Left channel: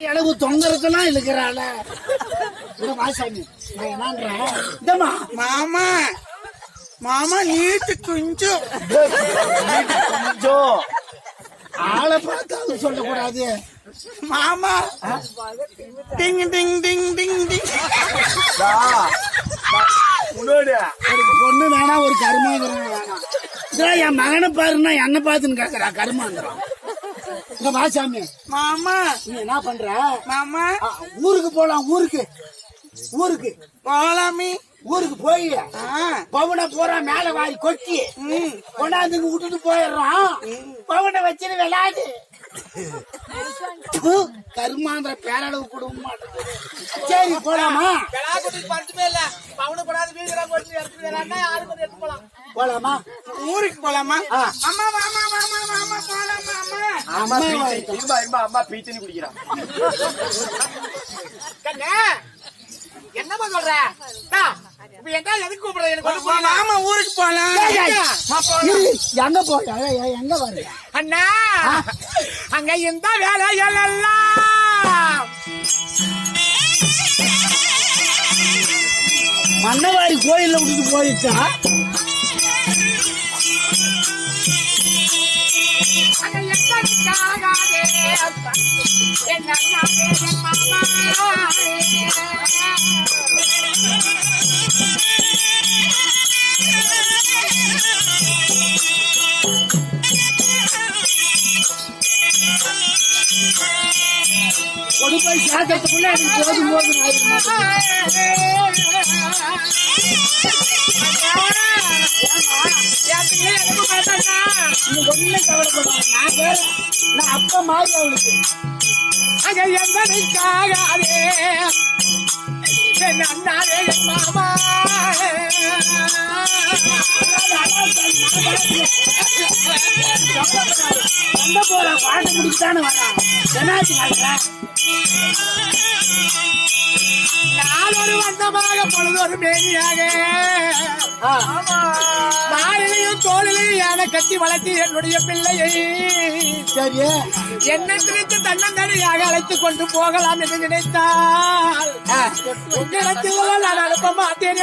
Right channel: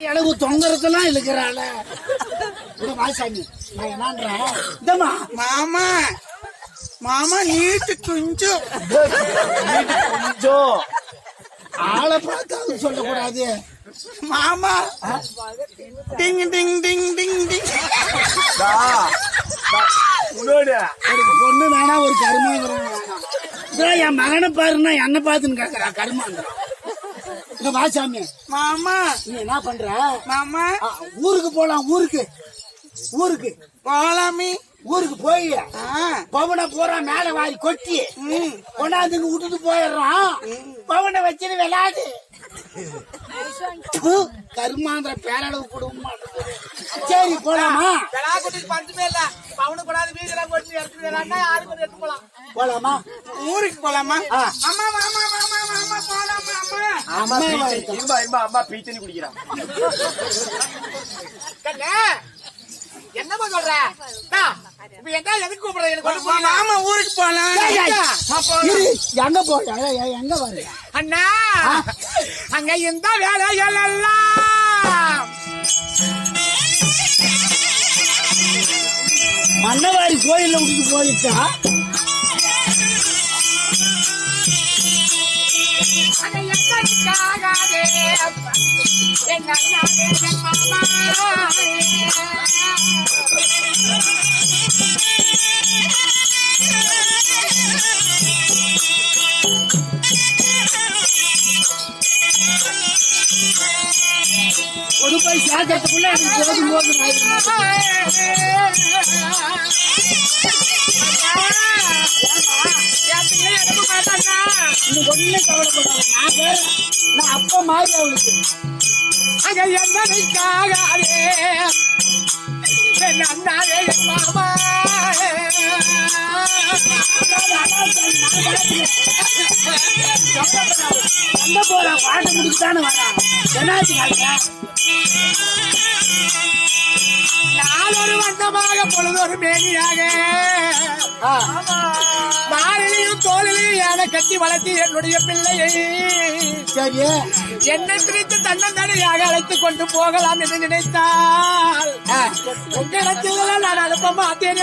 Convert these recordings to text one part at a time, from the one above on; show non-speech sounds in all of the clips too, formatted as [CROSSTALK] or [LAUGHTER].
எனக்கு தொங்கறதெல்லாம் இழுக்கிறாள. இந்த வாசாமி நான் என்னன்றேன் இந்தம்மா. மாமா மாமா நீட்டு கொஞ்சம் கொஞ்சம் ஆளை பார்த்து அது சொல்லக்கூடாது. மாமா டிங் டிங் டிங் டிங் டிங். ஒரு பொண்ணு வேணாம் ஒரு கருமாந்திரம் வேணாம் இதெல்லாம் என் மகனை பாருன்னா என்ன பார்த்துன்னு கேட்கறா கருமாந்திரம். இந்த வாசாமி மாமா. நீ என்ன பண்ற? மாமா. ஊருக்கு போலாம் ஊருக்கு. ஊருக்கு. போலாமி. ஊருக்கு போய் பவனை பூரா மேல வாரி கொட்டி கொண்டாந்து இங்க விட்டுட்டு போயிடுறோம். பவனை வச்சுட்டு விளையாடு கருமாந்திர பேரளவு கொடுக்க மாட்டேங்குது சரி போலாமா? விழா கூட்டிட்டு பஞ்சமே இல்ல. பவுனு கூடாது வீதெல்லாம் போட்டு எடுத்துட்டு யாருக்கு ஒரு எடுத்து போலாம். போலாமா? ஊருக்கு போலாமா? ஆ. அம்மா மாமா மாமா மாமா போலாமா. அம்மா. இன்பா இன்பா அம்மா பீ தண்ணி குடிக்கிறான் கண்ணே என்னம்மா சொல்ற? டா, இப்ப எங்க எதுக்கு எனக்கு மாமா ஊருக்கு போலாம். எங்க போய் எங்க வருங்க அண்ணா அங்க இந்த வேலைகள் எல்லாம். மன்னவாரி கோயில்ல விட்டுட்டு போயிட்டா? அங்க என் அண்ணாவே என் மாமா கொண்டு போய் சாக்கிறதுக்குள்ள அது மாட்டேங்குது. நீ கவலைப்படாத நான் வேற நான் மாதிரி அவளுக்கு அங்க என் அண்ணாவே என் மாமா சண்டை போற பாட்டு முடிச்சுதானே வரான் நாளொரு வந்தமாக பொழுதொரு மேனியாக மாலிலையும் தோளிலையும் யானை கட்டி வளர்த்தி என்னுடைய பிள்ளையை சரி என்னை தன்னந்தனியாக அழைத்துக் கொண்டு போகலாம் என்று நினைத்தால். உங்களிடத்தில் நான் அனுப்ப மாட்டேன்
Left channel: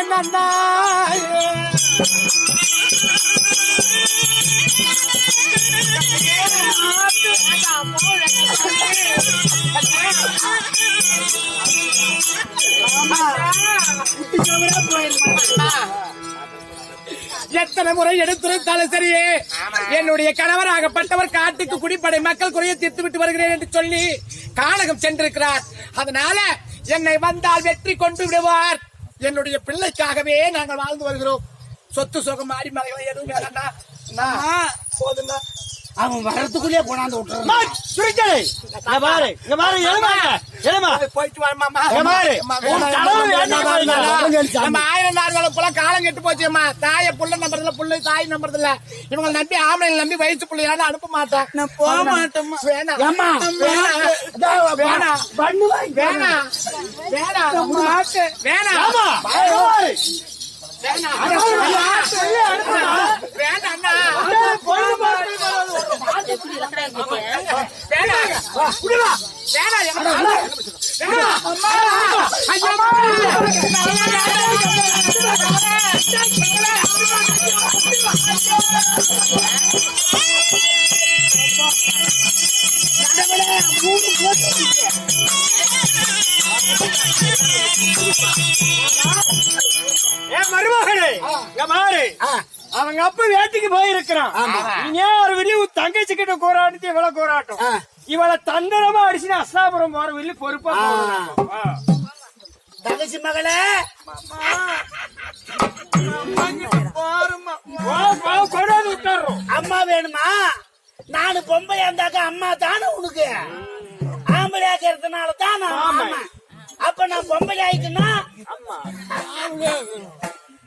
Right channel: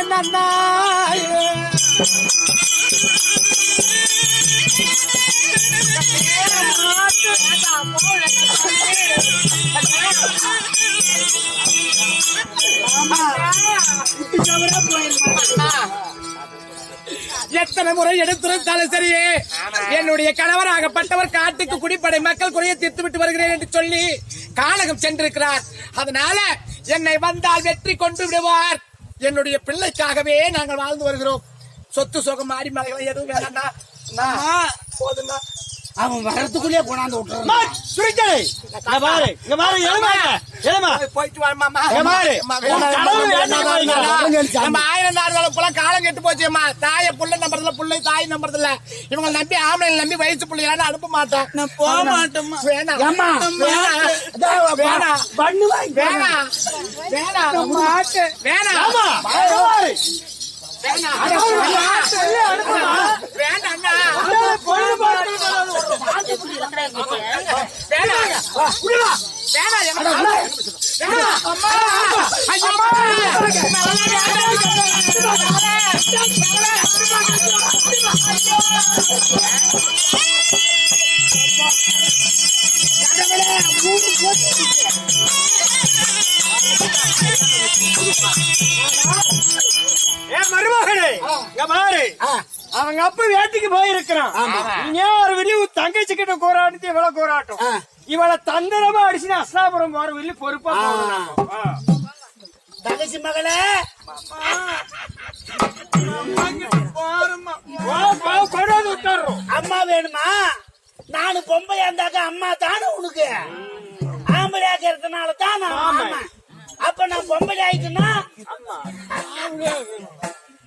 எத்தனை முறை எடுத்திருந்தாலும் சரியே என்னுடைய கணவராகப்பட்டவர் காட்டுக்கு குடிப்படை மக்கள் குறைய தீர்த்து விட்டு வருகிறேன் என்று சொல்லி கானகம் சென்றிருக்கிறார். அதனால என்னை வந்தால் வெற்றி கொண்டு விடுவார். என்னுடைய பிள்ளைக்காகவே நாங்கள் வாழ்ந்து வருகிறோம். சொத்து சுகம் மாடி மலைகளை எதுவும் வேணாம்டா. அண்ணா, போதும்டா. அவன் வரத்துக்குள்ளே கொண்டாந்து விட்டுறான். பாரு இங்க பாரு எழுமாங்க எழுமா. போயிட்டு வர மாமா இங்க பாரு. உன் கடவுள் வேண்டாம் பாருங்க. நம்ம ஆயிரம் நாடுகளும் புள்ள காலம் கெட்டு போச்சுமா தாய புள்ள நம்புறதுல புள்ளை தாய் நம்புறதுல. இவங்க நம்பி ஆம்பளை நம்பி வயசு பிள்ளையான அனுப்ப மாட்டேன். போக மாட்டேன். வேணாம். ஏம்மா. வேணாம் பண்ணு வாங்கி வேணாம் வேணாம் மாட்டேன் வேணாம் ஆமா இங்க பாரு வேணாம் வேணாம் அண்ணா. எப்படி இலக்கணம் வேணாங்க. விடுடா. வேணாம், எனக்கு வேணாம். வேணாம். அம்மா. ஐயோ. ஏ மருமகனே இங்க மாறு அவங்க அப்ப வேட்டைக்கு போயிருக்கிறான். ஏன் ஒரு வெளிய தங்கச்சி கிட்ட கூறாட்டு இவ்வளவு கூறாட்டம் இவளை தந்திரமா அடிச்சுன்னு அஸ்லாபுரம் போற வெளிய பொறுப்பா. தங்கச்சி மகளே. கொண்டாந்து விட்டுறோம். அம்மா வேணுமா? நானு பொம்பளையா இருந்தாக்க அம்மா தானே உனக்கு? ஆம்பளை ஆக்கிறதுனால தான் நான். அப்ப நான் பொம்பளை ஆயிட்டுனா அப்படியே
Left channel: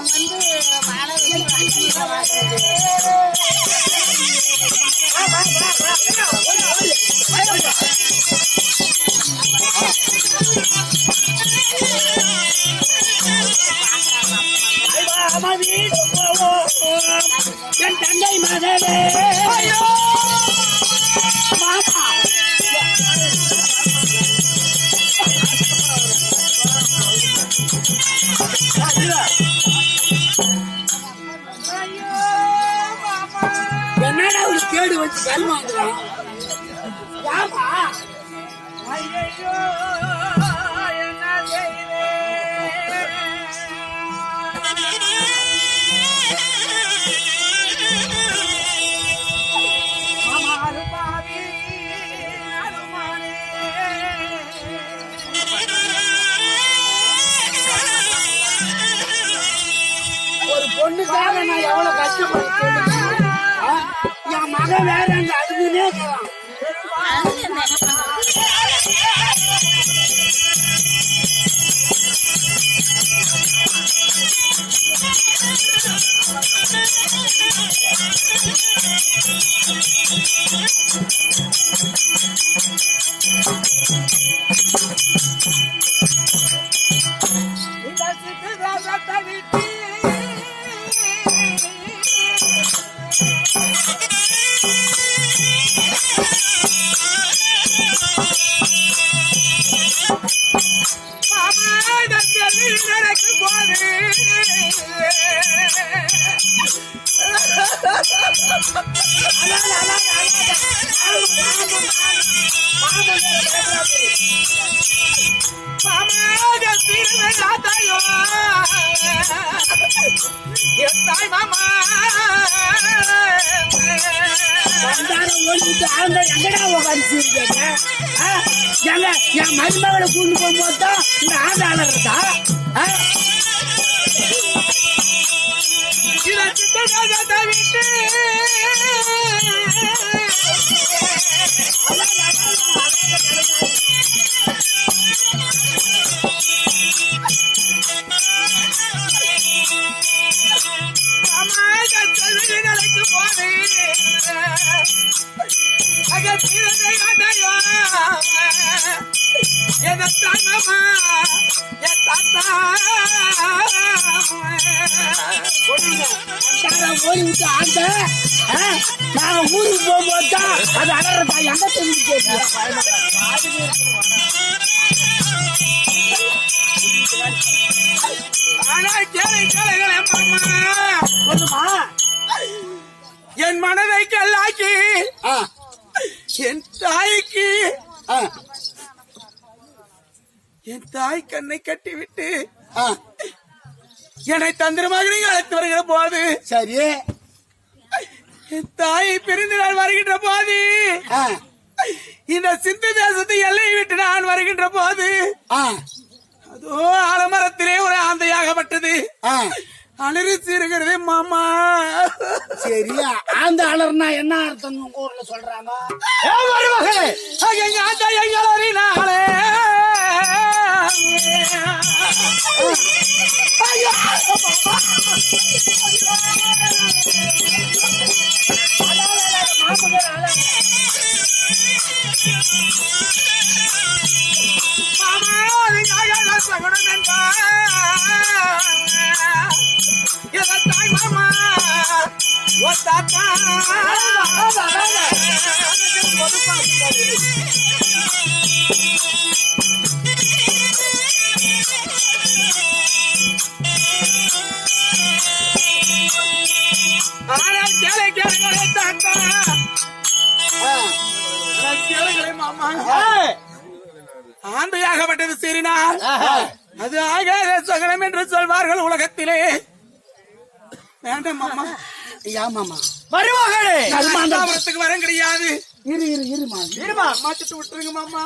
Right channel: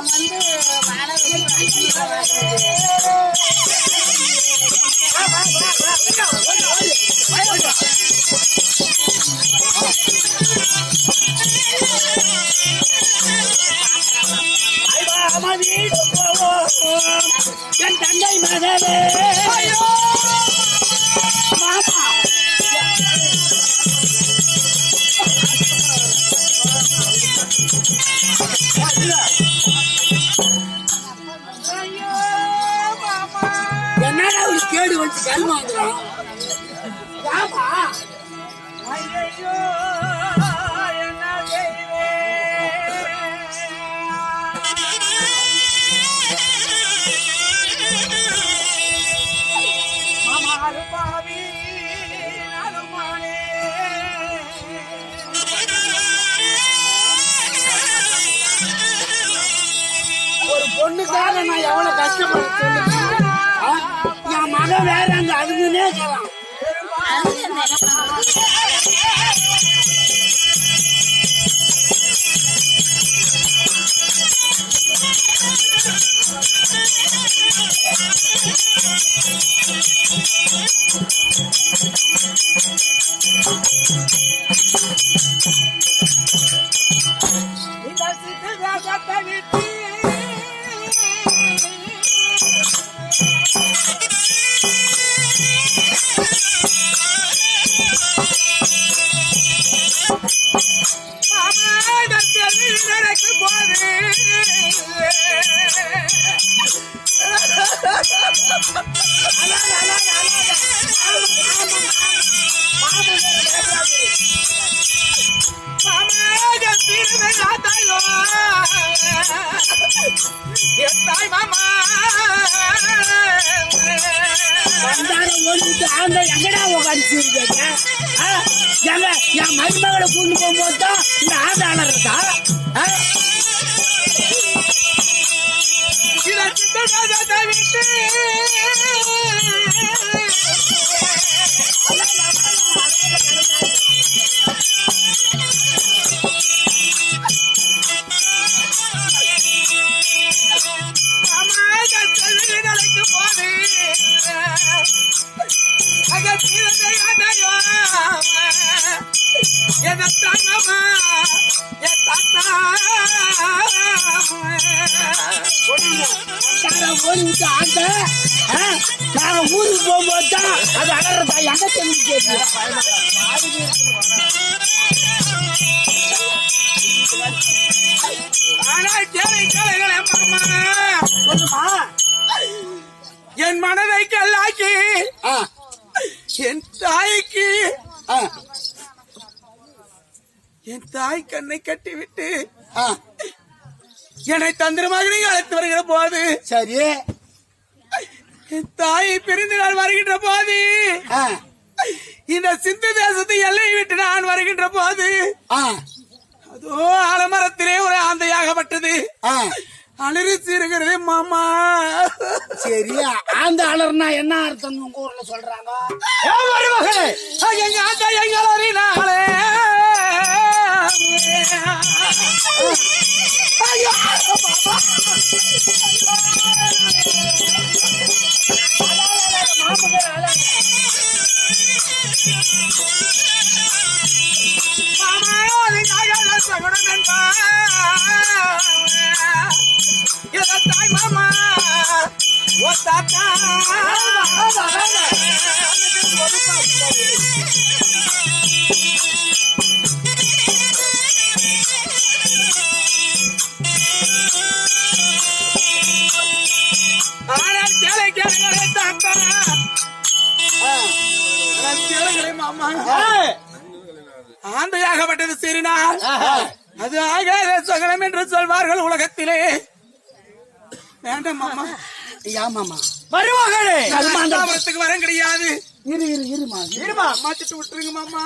நான் வந்து மாலை வந்து அஞ்சு ரூபா ஓடிட்டு ஆந்த எங்கடா உட்காந்துருக்கேன் என் மருமகளை கொண்டு போகும்போது தான் இந்த ஆண்டாளர் இருக்கா ஆ? விட்டு ஓடி விட்டு ஆந்த நாங்க ஊருக்கு போகும்போது தான் அது அடறதா எங்க தெரிஞ்சு ஆனா கேளை கேளைகளே மாமா என் மனதை கல்லாக்கி என் தாய்க்கு. என் தாய் கண்ணை கட்டிவிட்டு என்னை தந்திரமாக நீங்க அழைத்து வருகிற போது. சரி. என் தாயை பிரிந்து நான் வருகின்ற போது. இந்த சிந்து தேசத்தை எல்லையை விட்டு நான் வருகின்ற போது. அதோ ஆலமரத்திலே ஒரு ஆந்தையாகப்பட்டது. அலறி சீருகிறது மாமா. சரி ஆந்த அலர்னா என்ன அர்த்தம் உங்க ஊர்ல சொல்றாங்க? எங்க ஆந்தா மாமா. எங்க தாய் மாமா ஓ தாத்தா ஆந்தையாகப்பட்டது சீறினால் அது ஆகாத சகலம் என்று சொல்வார்கள் உலகத்திலே. வேண்டாம் மாமா. [LAUGHS] ஏமாமா வருவாங்களே கருமாந்தம். கருமாந்தத்துக்கு வரம் கிடையாது. இரு இரு இருமா இருமா மாத்திட்டு விட்டுருங்க மாமா.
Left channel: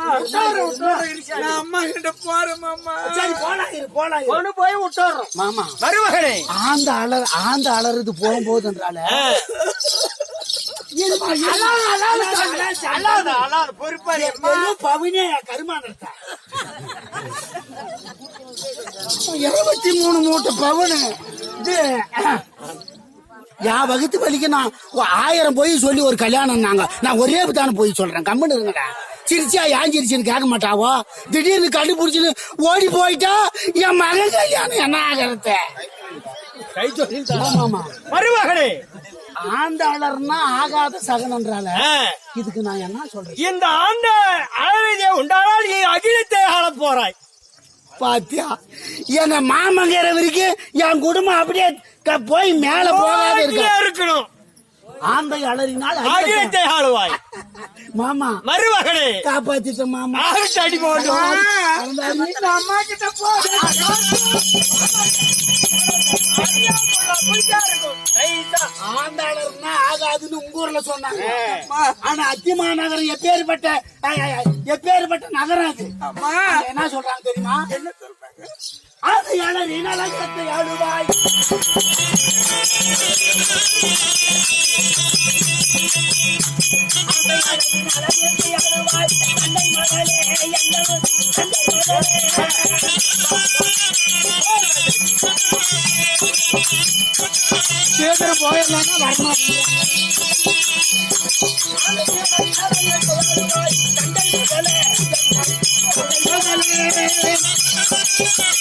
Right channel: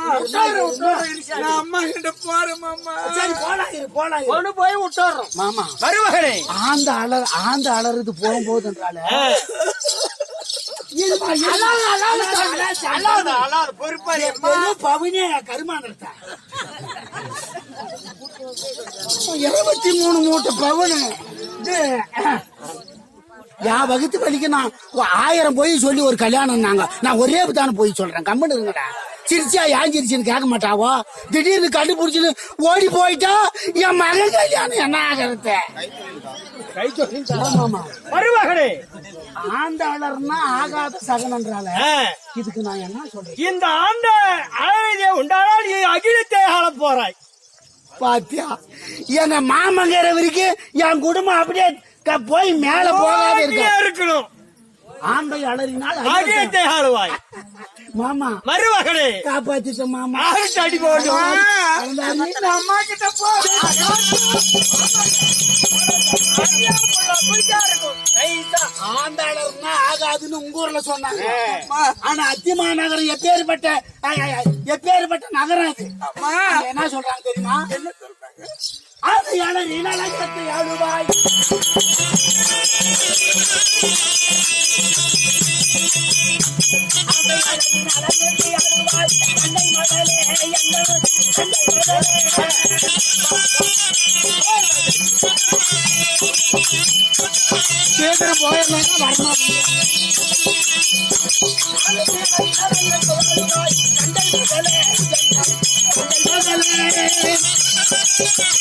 நான் அம்மா கிட்ட போறேன் மாமா. சரி போலாம் இரு போலாம். கொண்டு போய் விட்டுறோம். மாமா. வருவாங்களே ஆந்த அலர் ஆந்த அலறுது போகும்போதுன்றால இருபத்தி மூணு மூட்டை பவுனு. இது, என் வகுத்து வலிக்கு நான் ஆயிரம் போய் சொல்லி ஒரு கல்யாணம் நாங்க நான் ஒரே தானே போய் சொல்றேன். கம்மன் இருங்கடா. சிரிச்சியா ஏன் சிரிச்சுன்னு கேட்க மாட்டாவோ? திடீர்னு கண்டுபிடிச்சுன்னு ஓடி போயிட்டா என் மகன் கல்யாணம் என்ன ஆகிறது? வருவாங்களே ஆண்டாளர்னா ஆகாத சகனன்றால இதுக்கு நான் என்ன சொல்றேன் இந்த ஆண்டு அழகே உண்டானால் அகிலத்தை ஆள போறாய். பாத்தியா? என்ன மாமங்கிற வரைக்கும் என் குடும்பம் அப்படியே போய் மேல போகாத இருக்க. இருக்கணும். ஆந்தை அலறினால். அகிலத்தை ஆளுவாய் மாமா. மருமகளே. காப்பாத்திட்ட மாமா. அடி போடும் அந்த அம்மா கிட்ட போ. ஆண்டாளர்னா ஆகாதுன்னு உங்க ஊர்ல சொன்னாங்க. ஆனா அத்திமா நகரம் எப்பேற்பட்ட எப்பேற்பட்ட நகரம் அது. என்ன சொல்றாங்க தெரியுமா? என்ன சொல்றாங்க? அது யாழி நலகத்தை அழுவாய் சீக்கிரம் போயிடலாம் வரமாட்டேன் இப்ப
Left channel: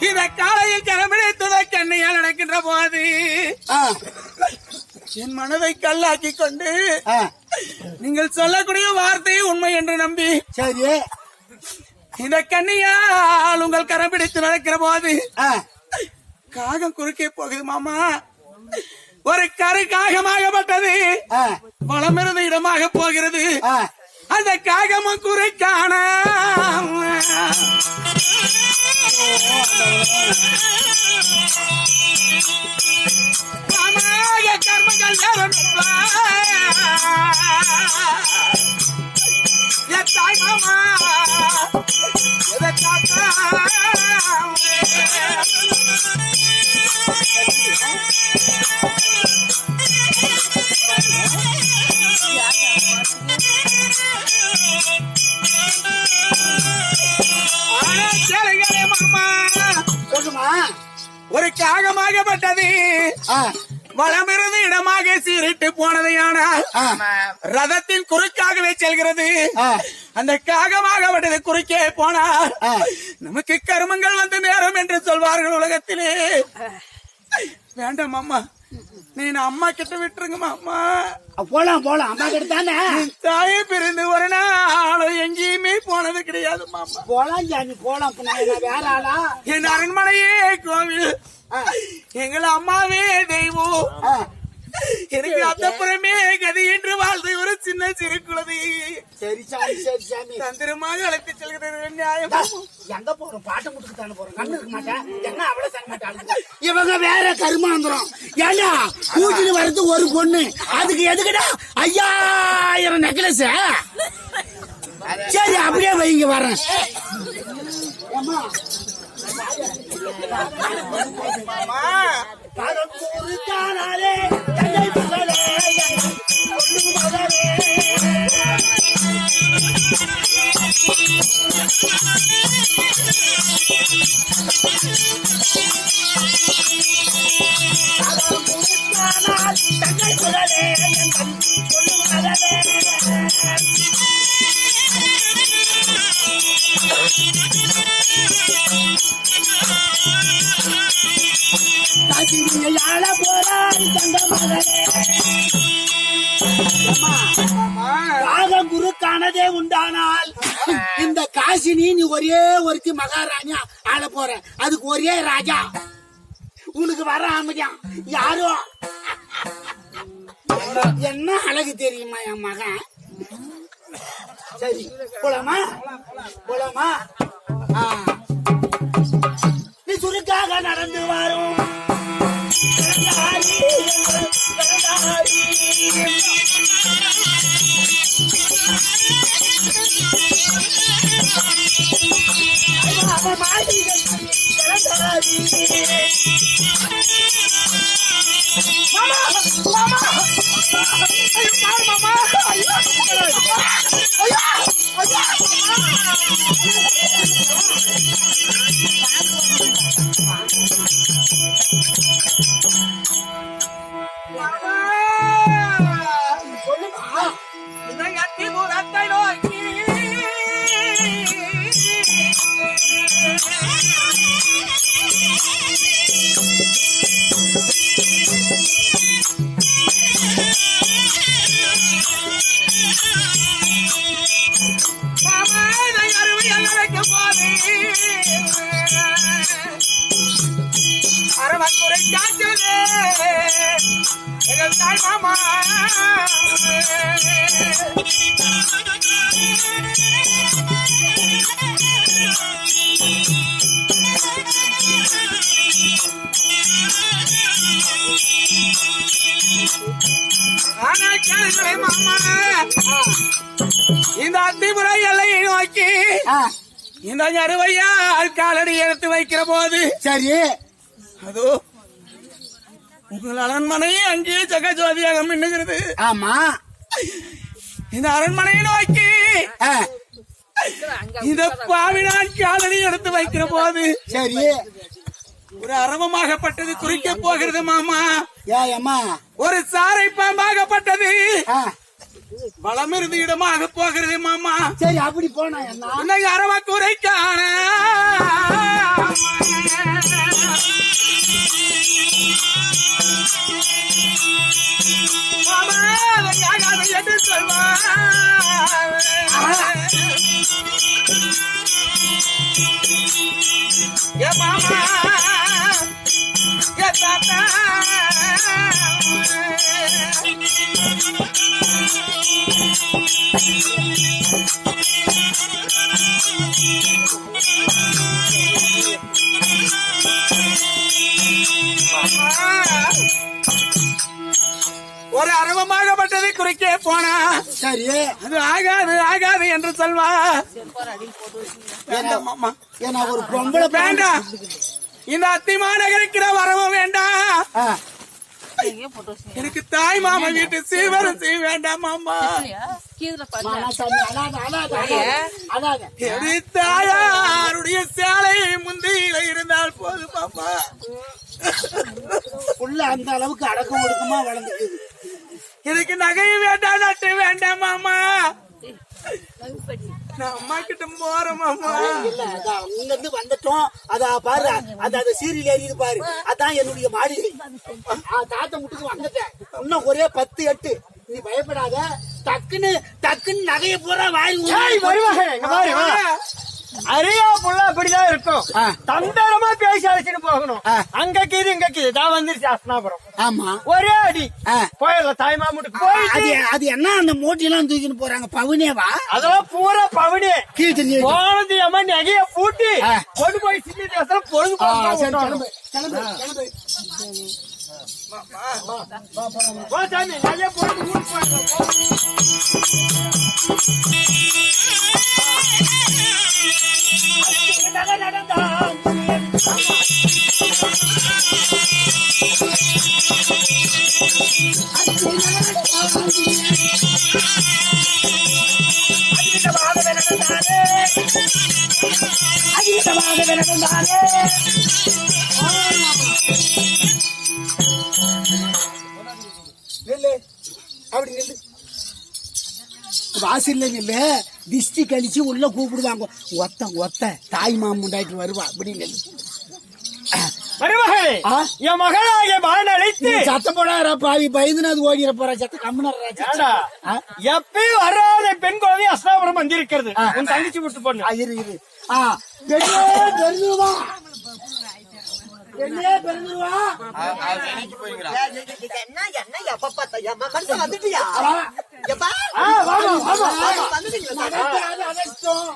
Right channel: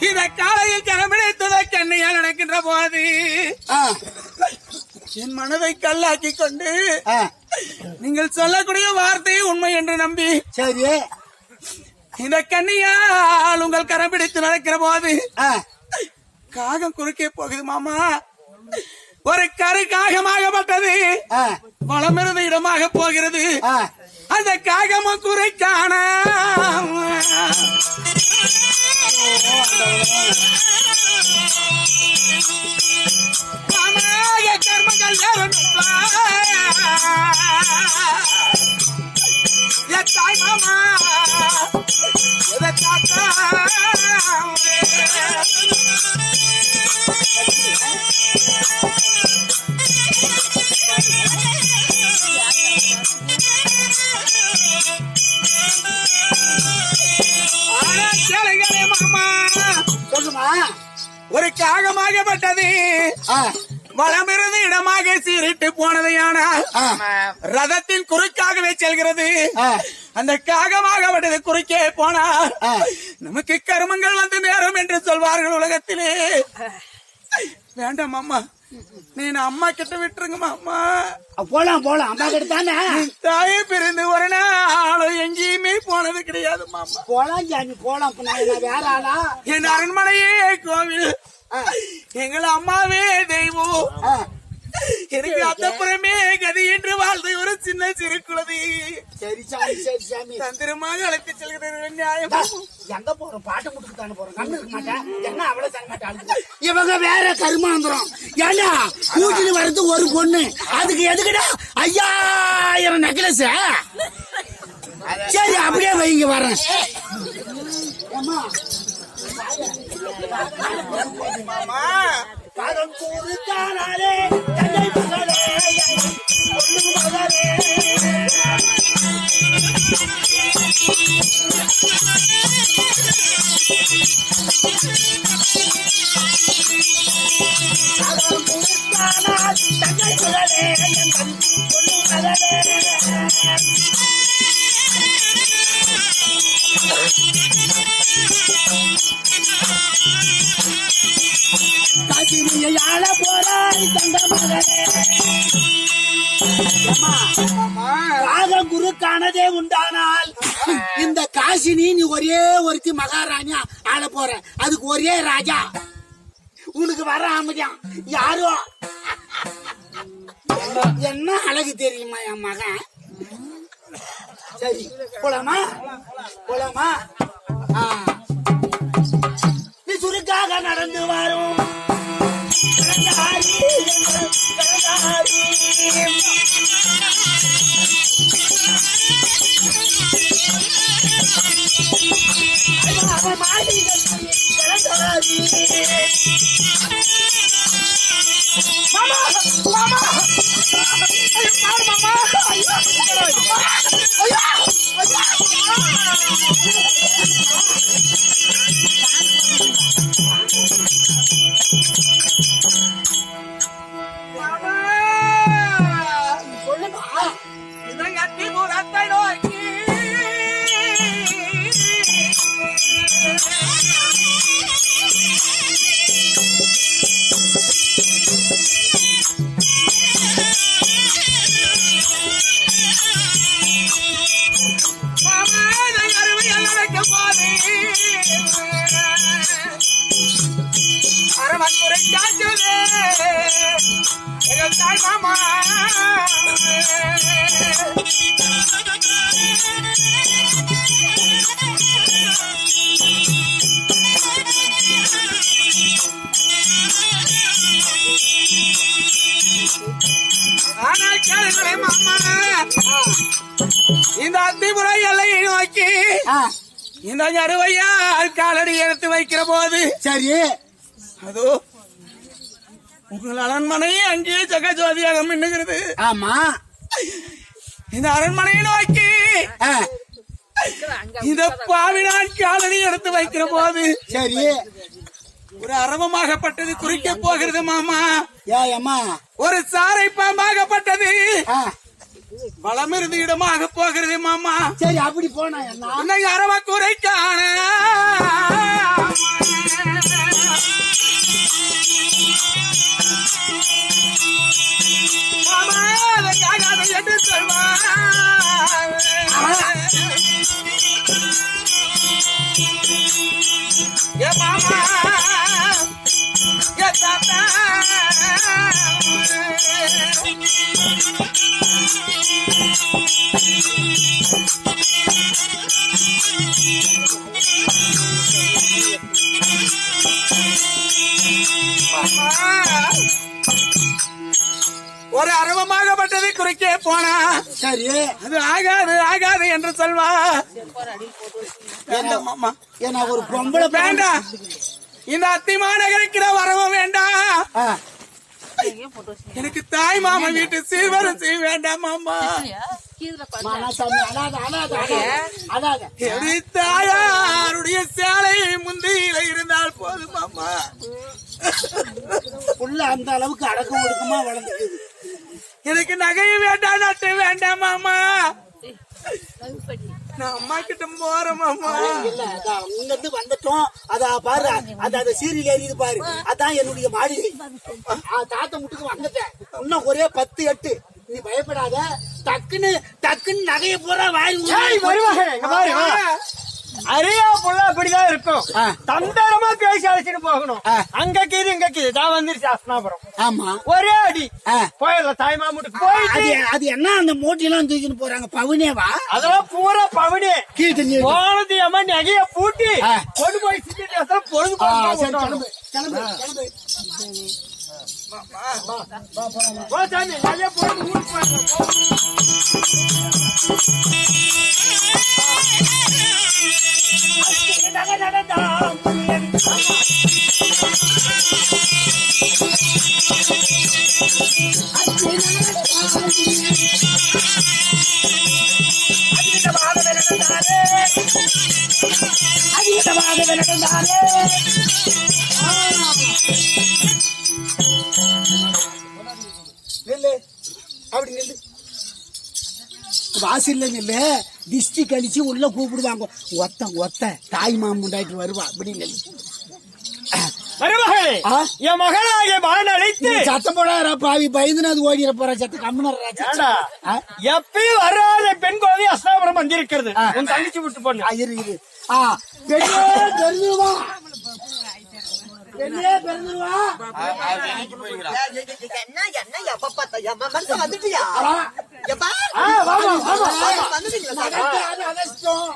இத காலையில் கிளம்பிடுத்ததை கண்ணையால் நடக்கின்ற போது என் மனதை கல்லாக்கி கொண்டு நீங்கள் சொல்லக்கூடிய வார்த்தை உண்மை என்று நம்பி சரி. இந்த கண்ணியால் உங்கள் கரம் பிடித்து நடக்கிற போது காகம் குறுக்கே போகுது மாமா. ஒரு கரு காகமாகப்பட்டது. வளமிருந்த இடமாக போகிறது. அந்த காகமும் குறை காண கர்மங்கள் தாய் மாமா Thank you. மாமா சொல்லுமா ஒரு காகமாகப்பட்டது ஆ, வளமிருந்து இடமாக சீரிட்டு போனதையானால் ரதத்தின் குறுக்காகவே செல்கிறது. அந்த காகமாகப்பட்டது குறுக்கே போனால். நமக்கு கருமங்கள் வந்து நேரும் என்று சொல்வார்கள் உலகத்திலே. வேண்டாம் அம்மா. நீ அம்மா கிட்ட விட்டுருங்க மாமா போலாம் போலாம். அம்மா கிட்ட தானே? தாயை பிரிந்து ஒரு நாளும் எங்கேயுமே போனது கிடையாது மாமா போலாம் ஜாமி போலாம். வேற ஆளா? என் அரண்மனையே கோவில். எங்கள் அம்மாவே தெய்வம். எனக்கு அத்தப்புறமே கதி என்று வாழ்ந்து ஒரு சின்ன சிறு குழந்தை. சரி சாமி சரி சாமி. தந்திரமாக அழைத்து செல்கிறது நியாயம். எங்க போறோம்? பாட்டு முட்டுக்கு தானே போறோம்? கண்ணு இருக்க மாட்டேன். என்ன அவ்வளவு தர மாட்டேன் இவங்க வேற கருமாந்திரம். ஏண்டா கூட்டிட்டு வர்றது ஒரு பொண்ணு? அதுக்கு எதுக்குடா ஐயாயிரம் நெக்லஸ் சரி அப்படியே வைங்க வரேன் ஏம்மா, பதம்பூரு காணாலே தங்கை மகளே என் பொண்ணு மகளே ஆனால் தங்கை மகளே என் பொண்ணு மகளே ஆள போறாய் தங்க மகனே ராகம் குருக்கானதே உண்டானால் இந்த காசினி நீ ஒரே ஒருத்தி மகாராணியா ஆள போற. அதுக்கு ஒரே ராஜா. உனக்கு வர அமைதியான் யாரோ? என்ன அழகு தெரியுமா என் மகன்? சரி போலாமா? போலாமா? நீ சுருக்காக நடந்து வரும் கடந்தாரி, கடந்தாரி. அரவக்குறை காற்றுதே எங்கள் தாய் மாமா ஆனால் கேளுங்களே மாமா இந்த அத்திபுரை எல்லையை நோக்கி இந்த அறுவையா காலடி எடுத்து வைக்கிற போது. சரி. அதோ உங்கள் அரண்மனை அங்கேயே ஜெகஜோதியாக மின்னுகிறது. ஆமா. இந்த அரண்மனையை நோக்கி இந்த பாவினான் காலடி எடுத்து வைக்கிற போது. சரி. ஒரு அரவமாகப்பட்டது குறிக்க போகிறது மாமா. ஏ அம்மா. ஒரு சாரை பாம்பாகப்பட்டது. ஆ, வளமிருந்து இடமாக போகிறது மாமா. சரி அப்படி போனா என்ன? அதற்காக அதை என்று சொல்வார் ஏ மாமா ஏ தாத்தா. ஒரு அரவமாகப்பட்டதை குறிக்க போனா. சரி அது ஆகாது ஆகாது என்று சொல்வா. வேண்டாம் ஒரு வேண்டாம் இந்த அத்திமா நகரிக்கிற வரவும் வேண்டாம் எனக்கு தாய் மாமா வீட்டு சீர்வரிசை வேண்டாம் மாமா. தாயாருடைய சேலை முந்தியில இருந்தால் போதும் மாமா. புள்ள அந்த அளவுக்கு அடக்கம் ஒடுக்கமா வளர்ந்துக்குது எனக்கு நகையும் வேண்டாம் நட்டு வேண்டாம் மாமா. நான் அம்மா கிட்ட போறேன் மாமா. இல்ல அதான் இங்க இருந்து வந்துட்டோம். அதா பாரு அந்த அந்த சீரியல் எரியுது பாரு. அதான் என்னுடைய மாளிகை. ஆ, தாத்தா முட்டுக்கு வந்துட்டேன். இன்னும் ஒரே பத்து எட்டு. நீ பயப்படாத. டக்குன்னு டக்குன்னு நகைய பூரா வாரி ஏய், வருவாங்க. அரியா புள்ள அப்படிதான் இருக்கும். தந்திரமா பேசி அழைச்சிட்டு போகணும். அங்க கீது இங்க கீது தான் வந்துருச்சு அஸ்னாபுரம் ஆமா ஒரே அடி. போயிடலாம் தாய் மாமுட்டுக்கு போயிட்டு அது என்ன அந்த மூட்டையெல்லாம் தூக்கின்னு போறாங்க பவுனேவா அதெல்லாம் பூரா பவனி போனது அம்மா நகைய பூட்டி. கொண்டு போய் சின்ன தேசத்துல பொழுது. கிளம்பு கிளம்பு சாமி ஊருக்கு போயிடலாம் வாசில்ல அப்படி நில்லு. வாசல்ல திஷ்டி கழிச்சு உள்ள கூப்பிடுவாங்க. ஒத்த ஒத்த தாய் மாமுண்டாயிட்டு வருவா. அப்படி மருமகளே? என் மகளாகிய மகன் அழைத்து சத்தம் போடாரா பாவி. பயந்துன்னு அது ஓடிற போற சத்த கம்முனரா எப்பயும் வராத பெண் குழந்தை அஸ்தாபுரம் வந்திருக்கிறது உன் தங்கச்சி விட்டு பொண்ணு இரு இரு. ஆ பெண்ணே பிறந்துருவா என்ன என்ன எப்ப பார்த்தா வந்துட்டியா? அதிர்ஷ்டம்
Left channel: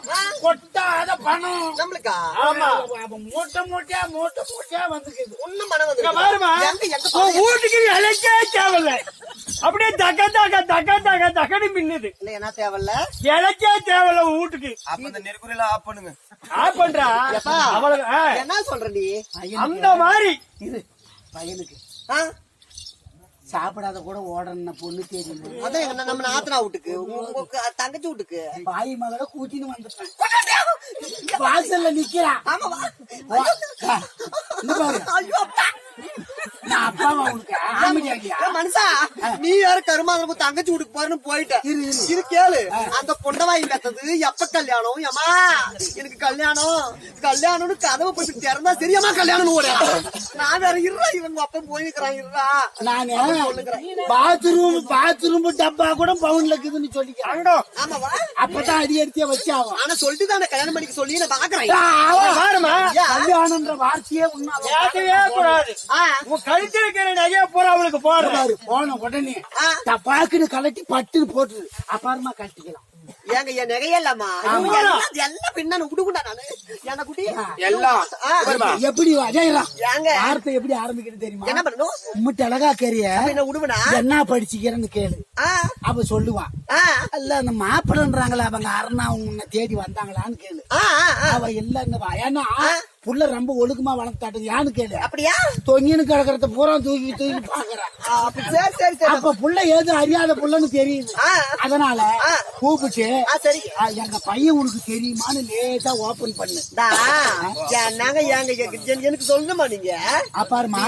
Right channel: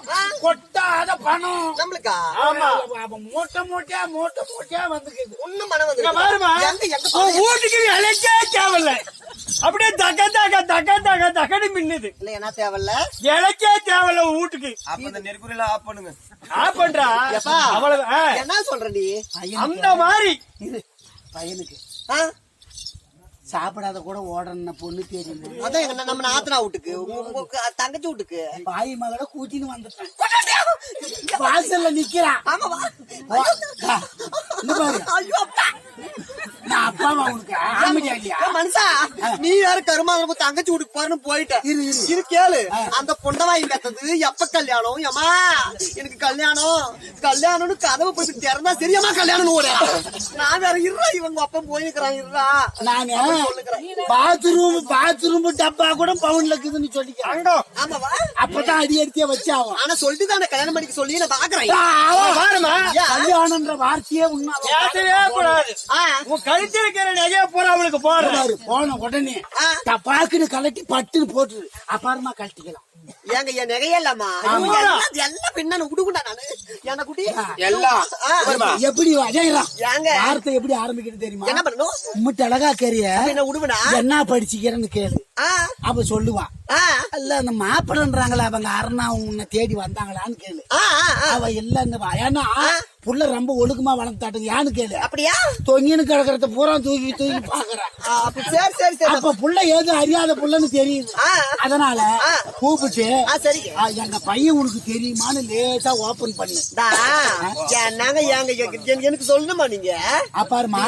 கொட்டாத பணம். நம்மளுக்கா? ஆமா அவன் மூட்டை மூட்டையா மூட்டை மூட்டையா வந்துக்குது. ஒண்ணும் மனம் பாருமா. வந்து எங்க எங்க உன் வீட்டுக்கு இலைக்கே தேவையில்ல. அப்படியே தக்க தக்க தக்க தக்க தக்கன்னு மின்னுது. இல்ல என்ன தேவையில்ல? இலைக்கே தேவையில்ல வீட்டுக்கு அப்ப இந்த நெருக்குறியில ஆஃப் பண்ணுங்க. பண்றா? எப்பா? அவ்வளவு. என்ன சொல்ற நீ அந்த மாதிரி. பையனுக்கு. ஆ? சாப்பிடாத கூட ஓடன பொண்ணு தெரியும் அதான் எங்க நம்ம நாத்தனா வீட்டுக்கு? உங்க உங்க தங்கச்சி வீட்டுக்கு? பாய் மகள கூட்டின்னு வந்துட்டேன். வாசல்ல நிக்கிறான் பாரு. அப்பா. நான் அப்பாவா உனக்கு? ஆமையா இல்லையா ஏய் மனுஷா நீ யாரு கருமாதிரி தங்கச்சி வீட்டுக்கு போறன்னு போயிட்ட. இரு, கேளு. அந்த பொண்டவாய் கத்தது எப்ப கல்யாணம்? ஏமா எனக்கு கல்யாணம். கல்யாணம்னு கதவு போய் திறந்தா சரியாமா கல்யாணம் ஓட நான் வேற இருறா இவங்க அப்பா போயிருக்கிறான் இருறா நானு? பாத்ரூம் பாத்ரூம் டப்பா கூட பவுன்ல இருக்குதுன்னு அங்கோ ஆமாவா? அப்பதான் அடி எடுத்தே வச்சாவும் ஆனா சொல்லிட்டு தான் கல்யாணம் பண்ணிக்க சொல்லி நான் பாக்குறேன். கல்யாணம்ன்ற வார்த்தையே உண்மை. பேசவே கூடாது ஆ, உன் கழுத்து இருக்கிற நகைய பூரா அவளுக்கு போடுற பாரு போன உடனே ஆ. டப்பாக்குன்னு கலட்டி பட்டுன்னு போட்டுரு. அப்புறமா கழட்டிக்கலாம். ஏங்க என் எல்லாம் பின்னாடி விடுகுண்டா நானு. என்ன குட்டி? எல்லாம். எப்படி அஜயலாம் ஏங்க. வார்த்தை எப்படி ஆரம்பிக்கிறது தெரியுமா? என்ன பண்ணணும் உம்மிட்ட அழகா கேரிய என்ன விடுவனா என்ன படிச்சுக்கிறேன்னு கேளு. அவ சொல்லுவான் ஆ. இல்ல அந்த மாப்பிள்ளன்றாங்களா அவங்க அருணா உன்னை தேடி வந்தாங்களான்னு கேளு. ஆ ஆ, ஆ. அவ இல்ல ஏன்னா புள்ள ரொம்ப ஒழுக்கமா வளர்த்தாட்டுங்க யான்னு கேளு. அப்படியா? தொங்கின்னு கிடக்கிறத பூரா தூக்கி தூக்கி பாக்குறேன் சரி சரி சரி. அப்ப புள்ள ஏதோ அறியாத புள்ளன்னு தெரியுது. அதனால கூப்பிட்டு எங்க பையன் உனக்கு தெரியுமான்னு லேசா ஓபன் பண்ணு. என்னங்க ஏங்க எனக்கு- சொல்லணுமா நீங்க? அப்பாருமா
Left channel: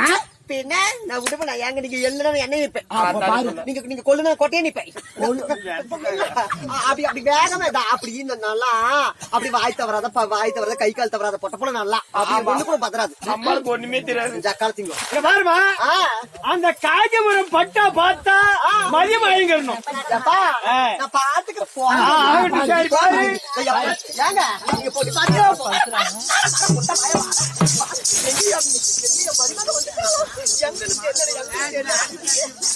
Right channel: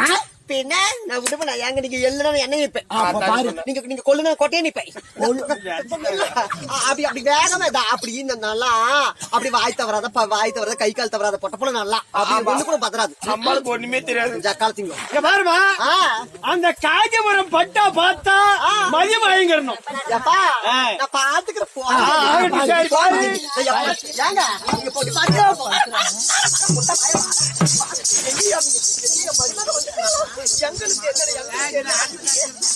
ஆ? பின்ன நான் விடுவேன் ஏங்க நீங்க எல்லாம் என்ன நிப்பேன். பாரு. நீங்க நீங்க கொள்ளுனா கொட்டையே நிப்பேன். அப்படி அப்படி வேகமா இதா, அப்படி இந்த நல்லா அப்படி வாய் தவறாத வாய் தவறாத கை கால் தவறாத பொட்ட போல நல்லா. அப்படி ஒண்ணு கூட பதறாது. நம்மளுக்கு ஒண்ணுமே தெரியாது. இங்க பாருமா. அந்த காஞ்சிபுரம் பட்டா பார்த்தா மதி வாங்கிடணும். நான் பாத்துக்கிறேன். ஏங்க நீங்க போட்டு பாத்து எங்களுக்கு என்ன எங்களுக்கு என்ன